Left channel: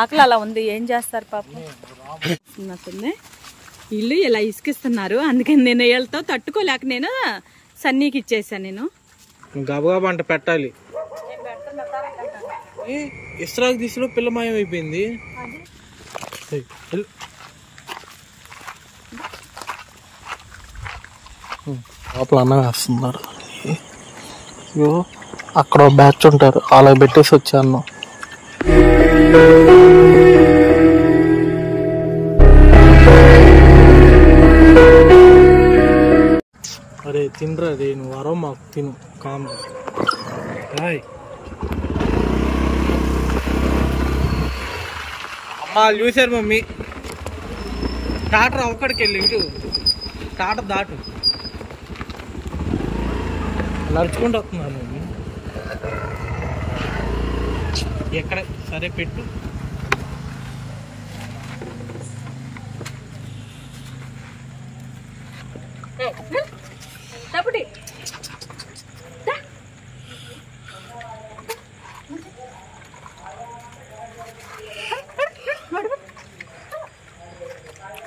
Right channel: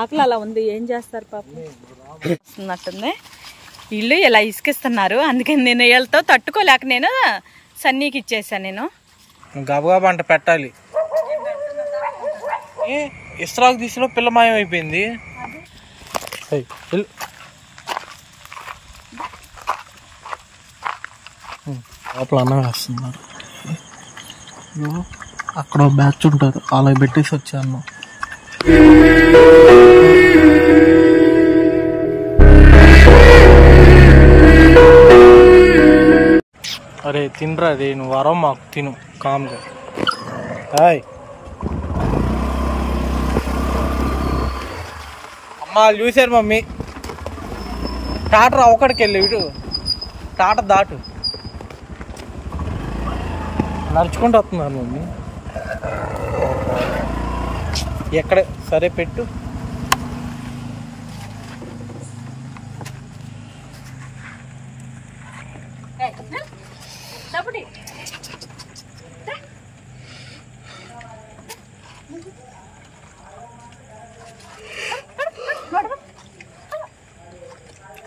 ఆకలి అలా ఉంది, ఏం చేస్తారు పాపం. వస్తున్నట్టుంది. వీళ్ళు ఇలా ఇసుకిస్తున్నారు, అందుకని నేను వీళ్ళతో తట్టుకోలేక నేను సన్నీకి ఇచ్చేసాను. నేను గబగబా అంట పెట్టాలి. ఇస్రాకు తీసిలో పిల్ల మాయం అయిపోయింది. లోపల అన్నం వేస్తున్నారు. అక్కడ బ్యాచ్ ఉంటారు, అలా పెట్టేసి వచ్చాను. అరే తినరా, అదే నువ్వు వరం మాకు తిను కామ్గా. హాయ్ అమ్మ, వాళ్ళు చూసారు మమ్మీ. టాటర్ ఒకడికి వెళ్ళి ఇటు టాటర్ దాటు నడుచుకుంటూ వస్తున్నారు మమ్మీ. ఎక్కడ సరే పెట్టు.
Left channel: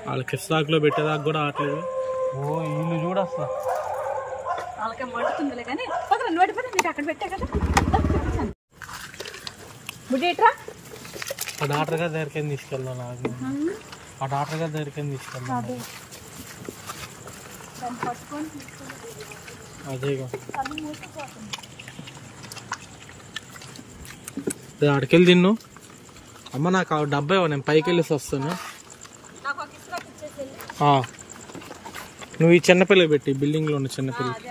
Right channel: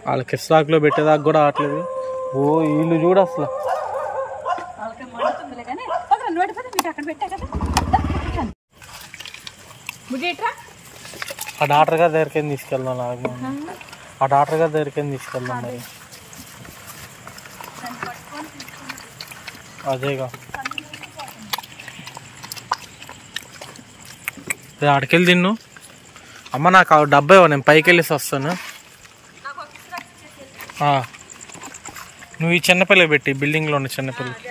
వాళ్ళకి ఇస్రాకులో పెట్టేదాకా కూడా ఆటలేదు. ఓ వీళ్ళు చూడు అసలు. ఆ డాక్టర్ గారి దగ్గరికి తీసుకెళ్దాం. ఆ డాక్టర్ గారి దగ్గరికి తీసుకెళ్దాం. అదేగా ఆడికెళ్ళి తిన్ను. అమ్మ నాకు డబ్బా ఇవ్వ, నేను పైకి వెళ్ళేసి వస్తాను. నువ్వు ఈ చిన్నపిల్లకి పెట్టి, బిల్డింగ్లో ఉన్న చిన్నపిల్లకి.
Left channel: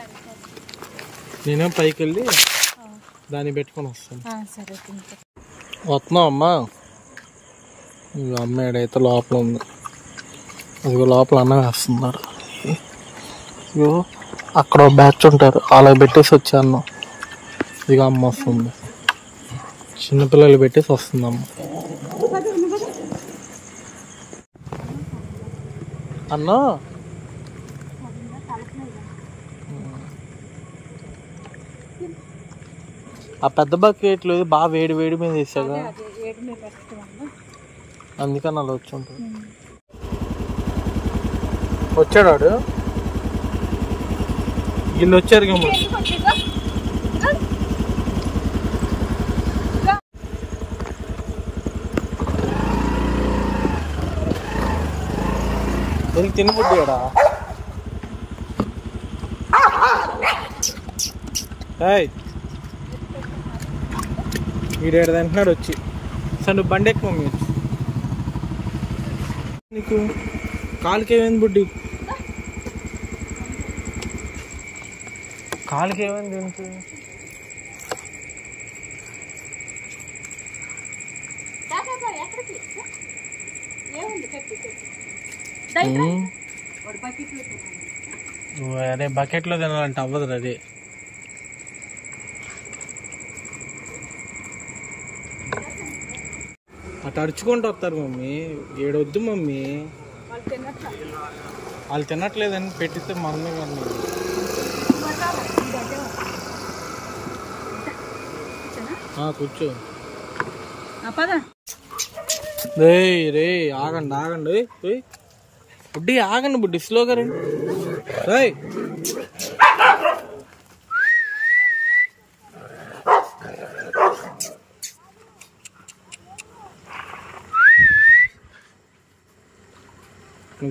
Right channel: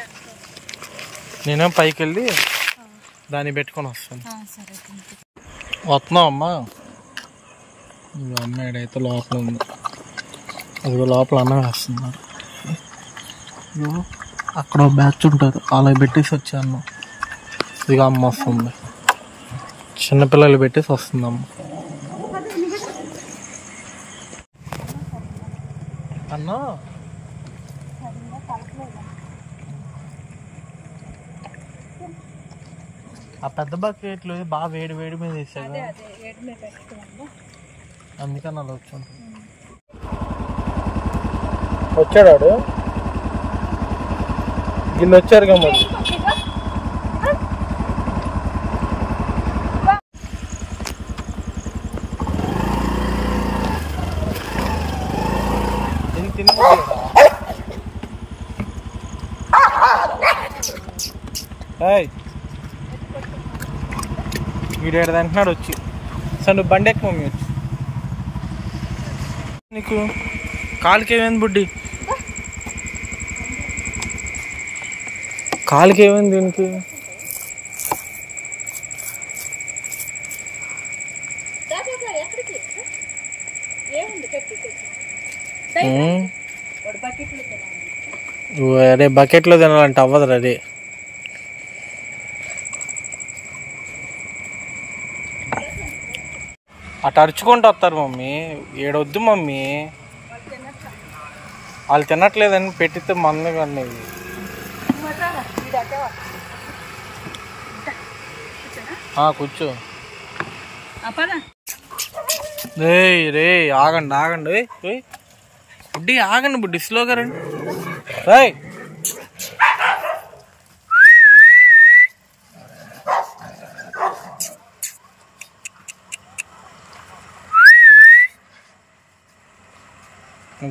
నేనేం పైకి వెళ్ళి దాన్ని పెట్టుకొని వస్తాను. వస్తున్నావు అమ్మా? అమ్మ ఏడైతే లోపల ఉంది, అదిగో లోపల అన్నం వేస్తున్నారు. ఇగో అక్కడ బ్యాచ్ ఉంటారు, అలా పెట్టేసి వచ్చాను. ఇక అమ్మ వస్తుంది, చిన్నపిల్లలు పెట్టేసి వస్తుంది అమ్మ. అన్నా ఆ పెద్ద బకెట్లు బాగా వేడి వేడి మీద వేసాగా, అందుకని అలా వచ్చి ఉంటుంది. వచ్చాడు వాడు, వీళ్ళు వచ్చారు కదా. దీనికి తినబుద్దా? వీడేడు అంటున్నాడు వచ్చి. సార్ నువ్వు బండి ఎక్కువ మమ్మీ వచ్చి. నీకు కాలుకి ఏమైంది బుడ్డి? కాలుకి ఏమైంది దీనికి? అరే బకెట్లో తినాలంటే అవ్వదు. అదే అటు అరుచుకుంటూ వస్తారు మమ్మీ. ఏడొద్దు మమ్మీ, వాళ్ళు తినట్లేదని పెట్టితే మందు కానీ. కూర్చో. రే ఆగండి ఆగండి, బుడ్డి ఆగండి, బుడ్డి స్లోగా రండి.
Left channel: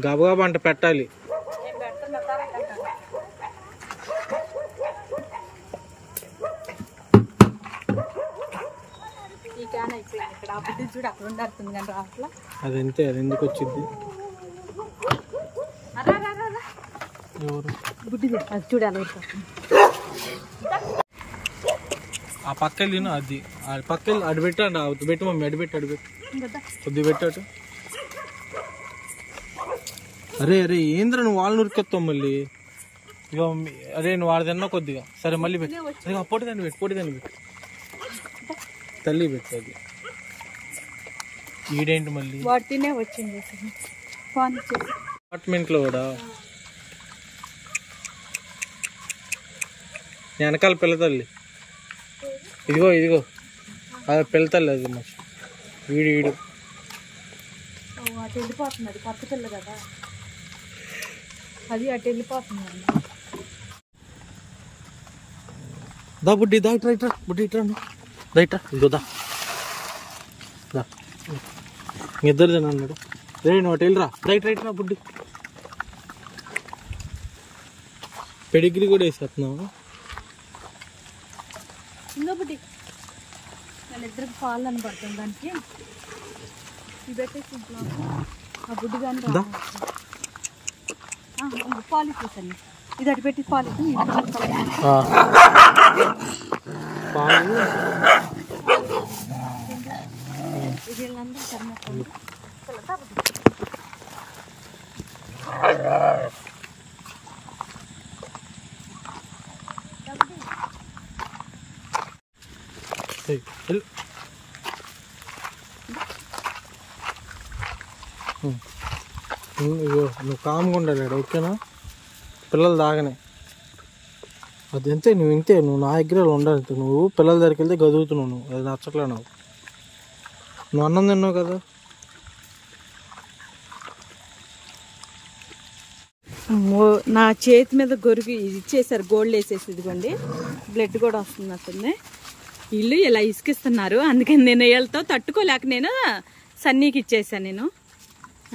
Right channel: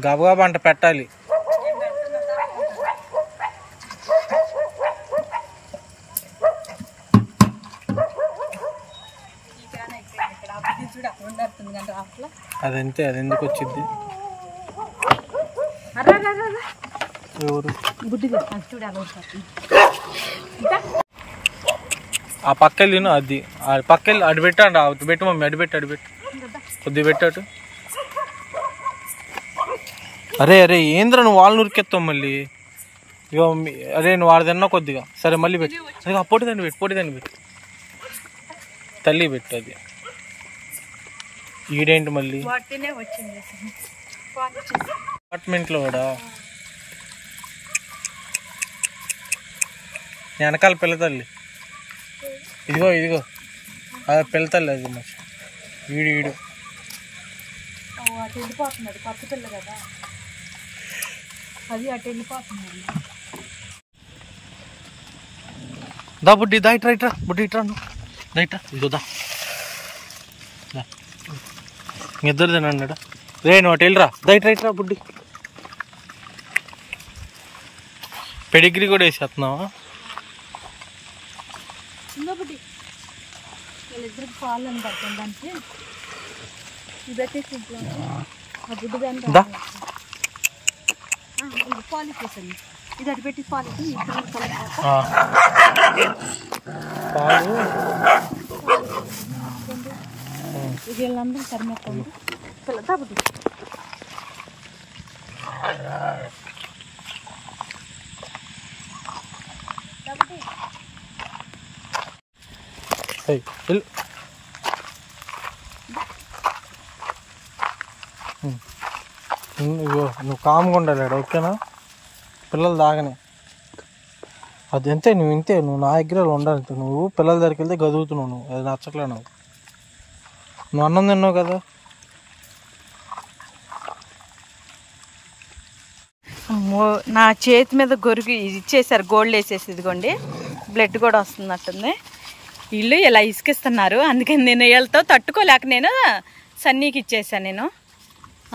గబగబా అంట పెట్టాలి. అదంతే, అది ఎందుకు వచ్చింది? ఆ పక్కలు తిను, అది ఆ పక్కలు అటు పెట్టండి. అటు పెట్టు మమ్మీ, అడిపెట్టు అడిపెట్టు, కొద్ది పెట్టాటు. అరే అరే ఏంద్ర నువ్వు వాళ్ళని ఉరికెత్తావు మళ్ళీ. ఇక అరే నువ్వు వాడు తిన్నా కొద్దిగా. సరే మళ్ళీ పెట్టు. అదే పొట్టిదాన్ని పెట్టు, పొట్టిదాన్ని పెట్టు, తల్లి పెట్టు. అది ఈడేంటి మళ్ళీ అపార్ట్మెంట్లో కూడా వెనకాల పిల్ల తల్లి. ఇదిగో ఇదిగో అదే పిల్ల తల్లి. అది మంచి ఈడు అటు వెళ్ళిపోతుంది, అది కొత్త పిల్ల కదా, అది అటు వెళ్ళిపోతుంది. దా బుడ్డి, దా ఇట్రా ఇట్రా బుడ్డి, ఇట్రా నువ్వు దా, ఇట్రా ఇదో దా. ఇద్దరు తినండి రే, నువ్వు అటు వెళ్ళిరా, దా ఇట్రా ఇట్రా బుడ్డి. పెడిగ్రీ కూడా వేసేస్తున్నావా? బుడ్డి వాళ్ళిద్దరికి పాలు అని పడుతుంది, దానికి ఇది పెట్టేసి ఇంట్లో ఆ బుడ్డి దాన్ని పాలు ఇచ్చేసాను. ఇది అటు పెట్టి పాలు పాలు ఇది వీళ్ళందరూ సరిమెత్తండి పిల్లదా బుడ్డి. నువ్వు కామ్గా ఉండాలి, ఓకేనా? పిల్లలు దాగనే అది అంతే, నువ్వు ఇంతే, నువ్వు నా దగ్గర ఉండాలి. నువ్వు పిల్లల దగ్గరికి వెళ్తే గదువుతున్నావు, నువ్వు అది నచ్చట్లే. నువ్వు అన్నం తిన్నావు కదా. నా చేతి మీద గొరుగు ఇచ్చేసారు, గోల్డ్ వేసేసి, ఇదిగోండి బ్లడ్ కూడా వస్తున్నట్టుంది. వీళ్ళు ఇలా ఇసుకిస్తున్నారు, అందుకని నేను వీళ్ళతో తట్టుకోలేక నేను సన్నీకి ఇచ్చేసాను నేను.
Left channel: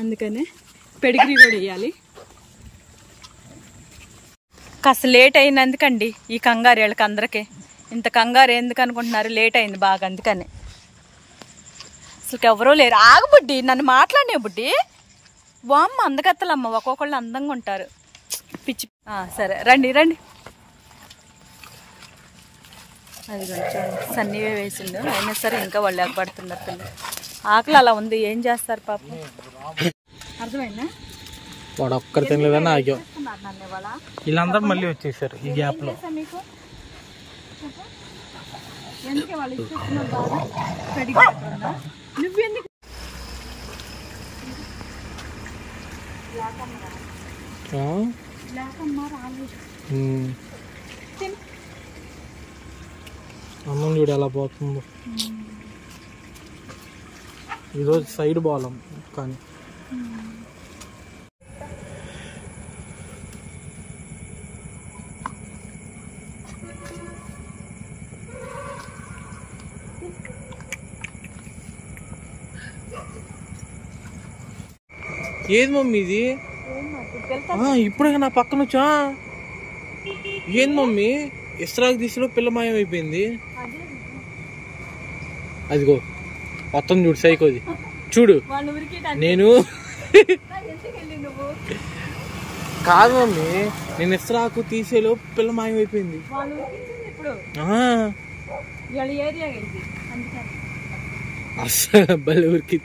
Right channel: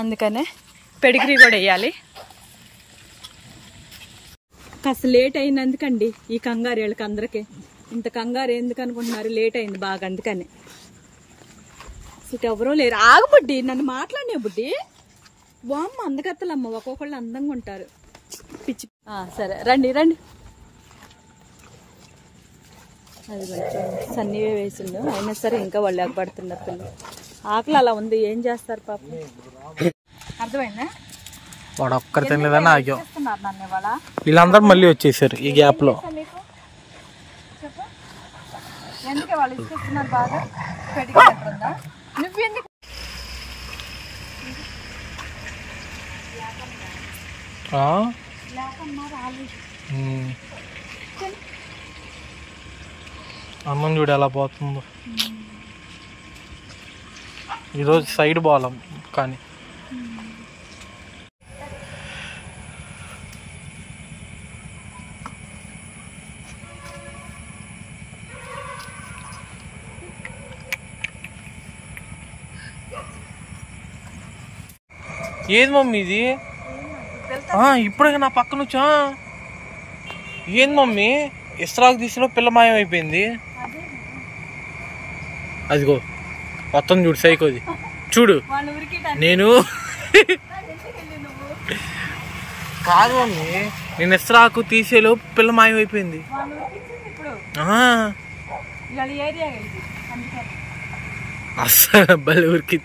అందుకనే పెడిగ్రీ కూడా వేయాలి. కాస్త లేట్ అయినందుకండి ఈ కంగారు వీళ్ళకి అందరికీ. ఇంత కంగారు ఎందుకు అనుకుంటున్నారు? లేట్ అయింది బాగా, అందుకని. అసలు ఎవరో లేరు. ఆగు బుడ్డి, నన్ను మాట్లాడినే బుడ్డి. వామ్మ అందగత్తలమ్మ, ఒక్కొక్కళ్ళు అందంగా ఉంటారు. పిచ్చి. సరే రండి రండి. అది సన్నీవే వేసిండు, అయినా సరే ఇంకా వాళ్ళు ఎగబడుతున్నారు పిల్లలు. ఆకలి అలా ఉంది, ఏం చేస్తారు పాపం. అర్థమైందా? వాడు ఒక్కరు తినలేదని ఆగాం. వీళ్ళందరూ మళ్ళీ వచ్చేసారు ఈ గ్యాప్ లో. చెప్పు, ఎందుకే వాళ్ళు ఇస్తున్నారు బాగా? పెడిగి అక్కడుందా? నువ్వెందుకు అన్నం చూడు ఎలా పోతుందో. ఈరోజు సైడ్ బాలం కానీ ఏది మమ్మీ ఇది? ఇప్పుడే నా పక్కన వచ్చా. ఏంది మమ్మీ, ఇస్రాకు దిశలో పిల్ల మాయం అయిపోయింది. అదిగో మొత్తం చూడు, సైకోది చూడు. నేను కాదు మమ్మీ, నేను ఇస్రాకు తీసేలో పిల్ల మాయం అయిపోయింది. అస్సలు బలి ఊరికి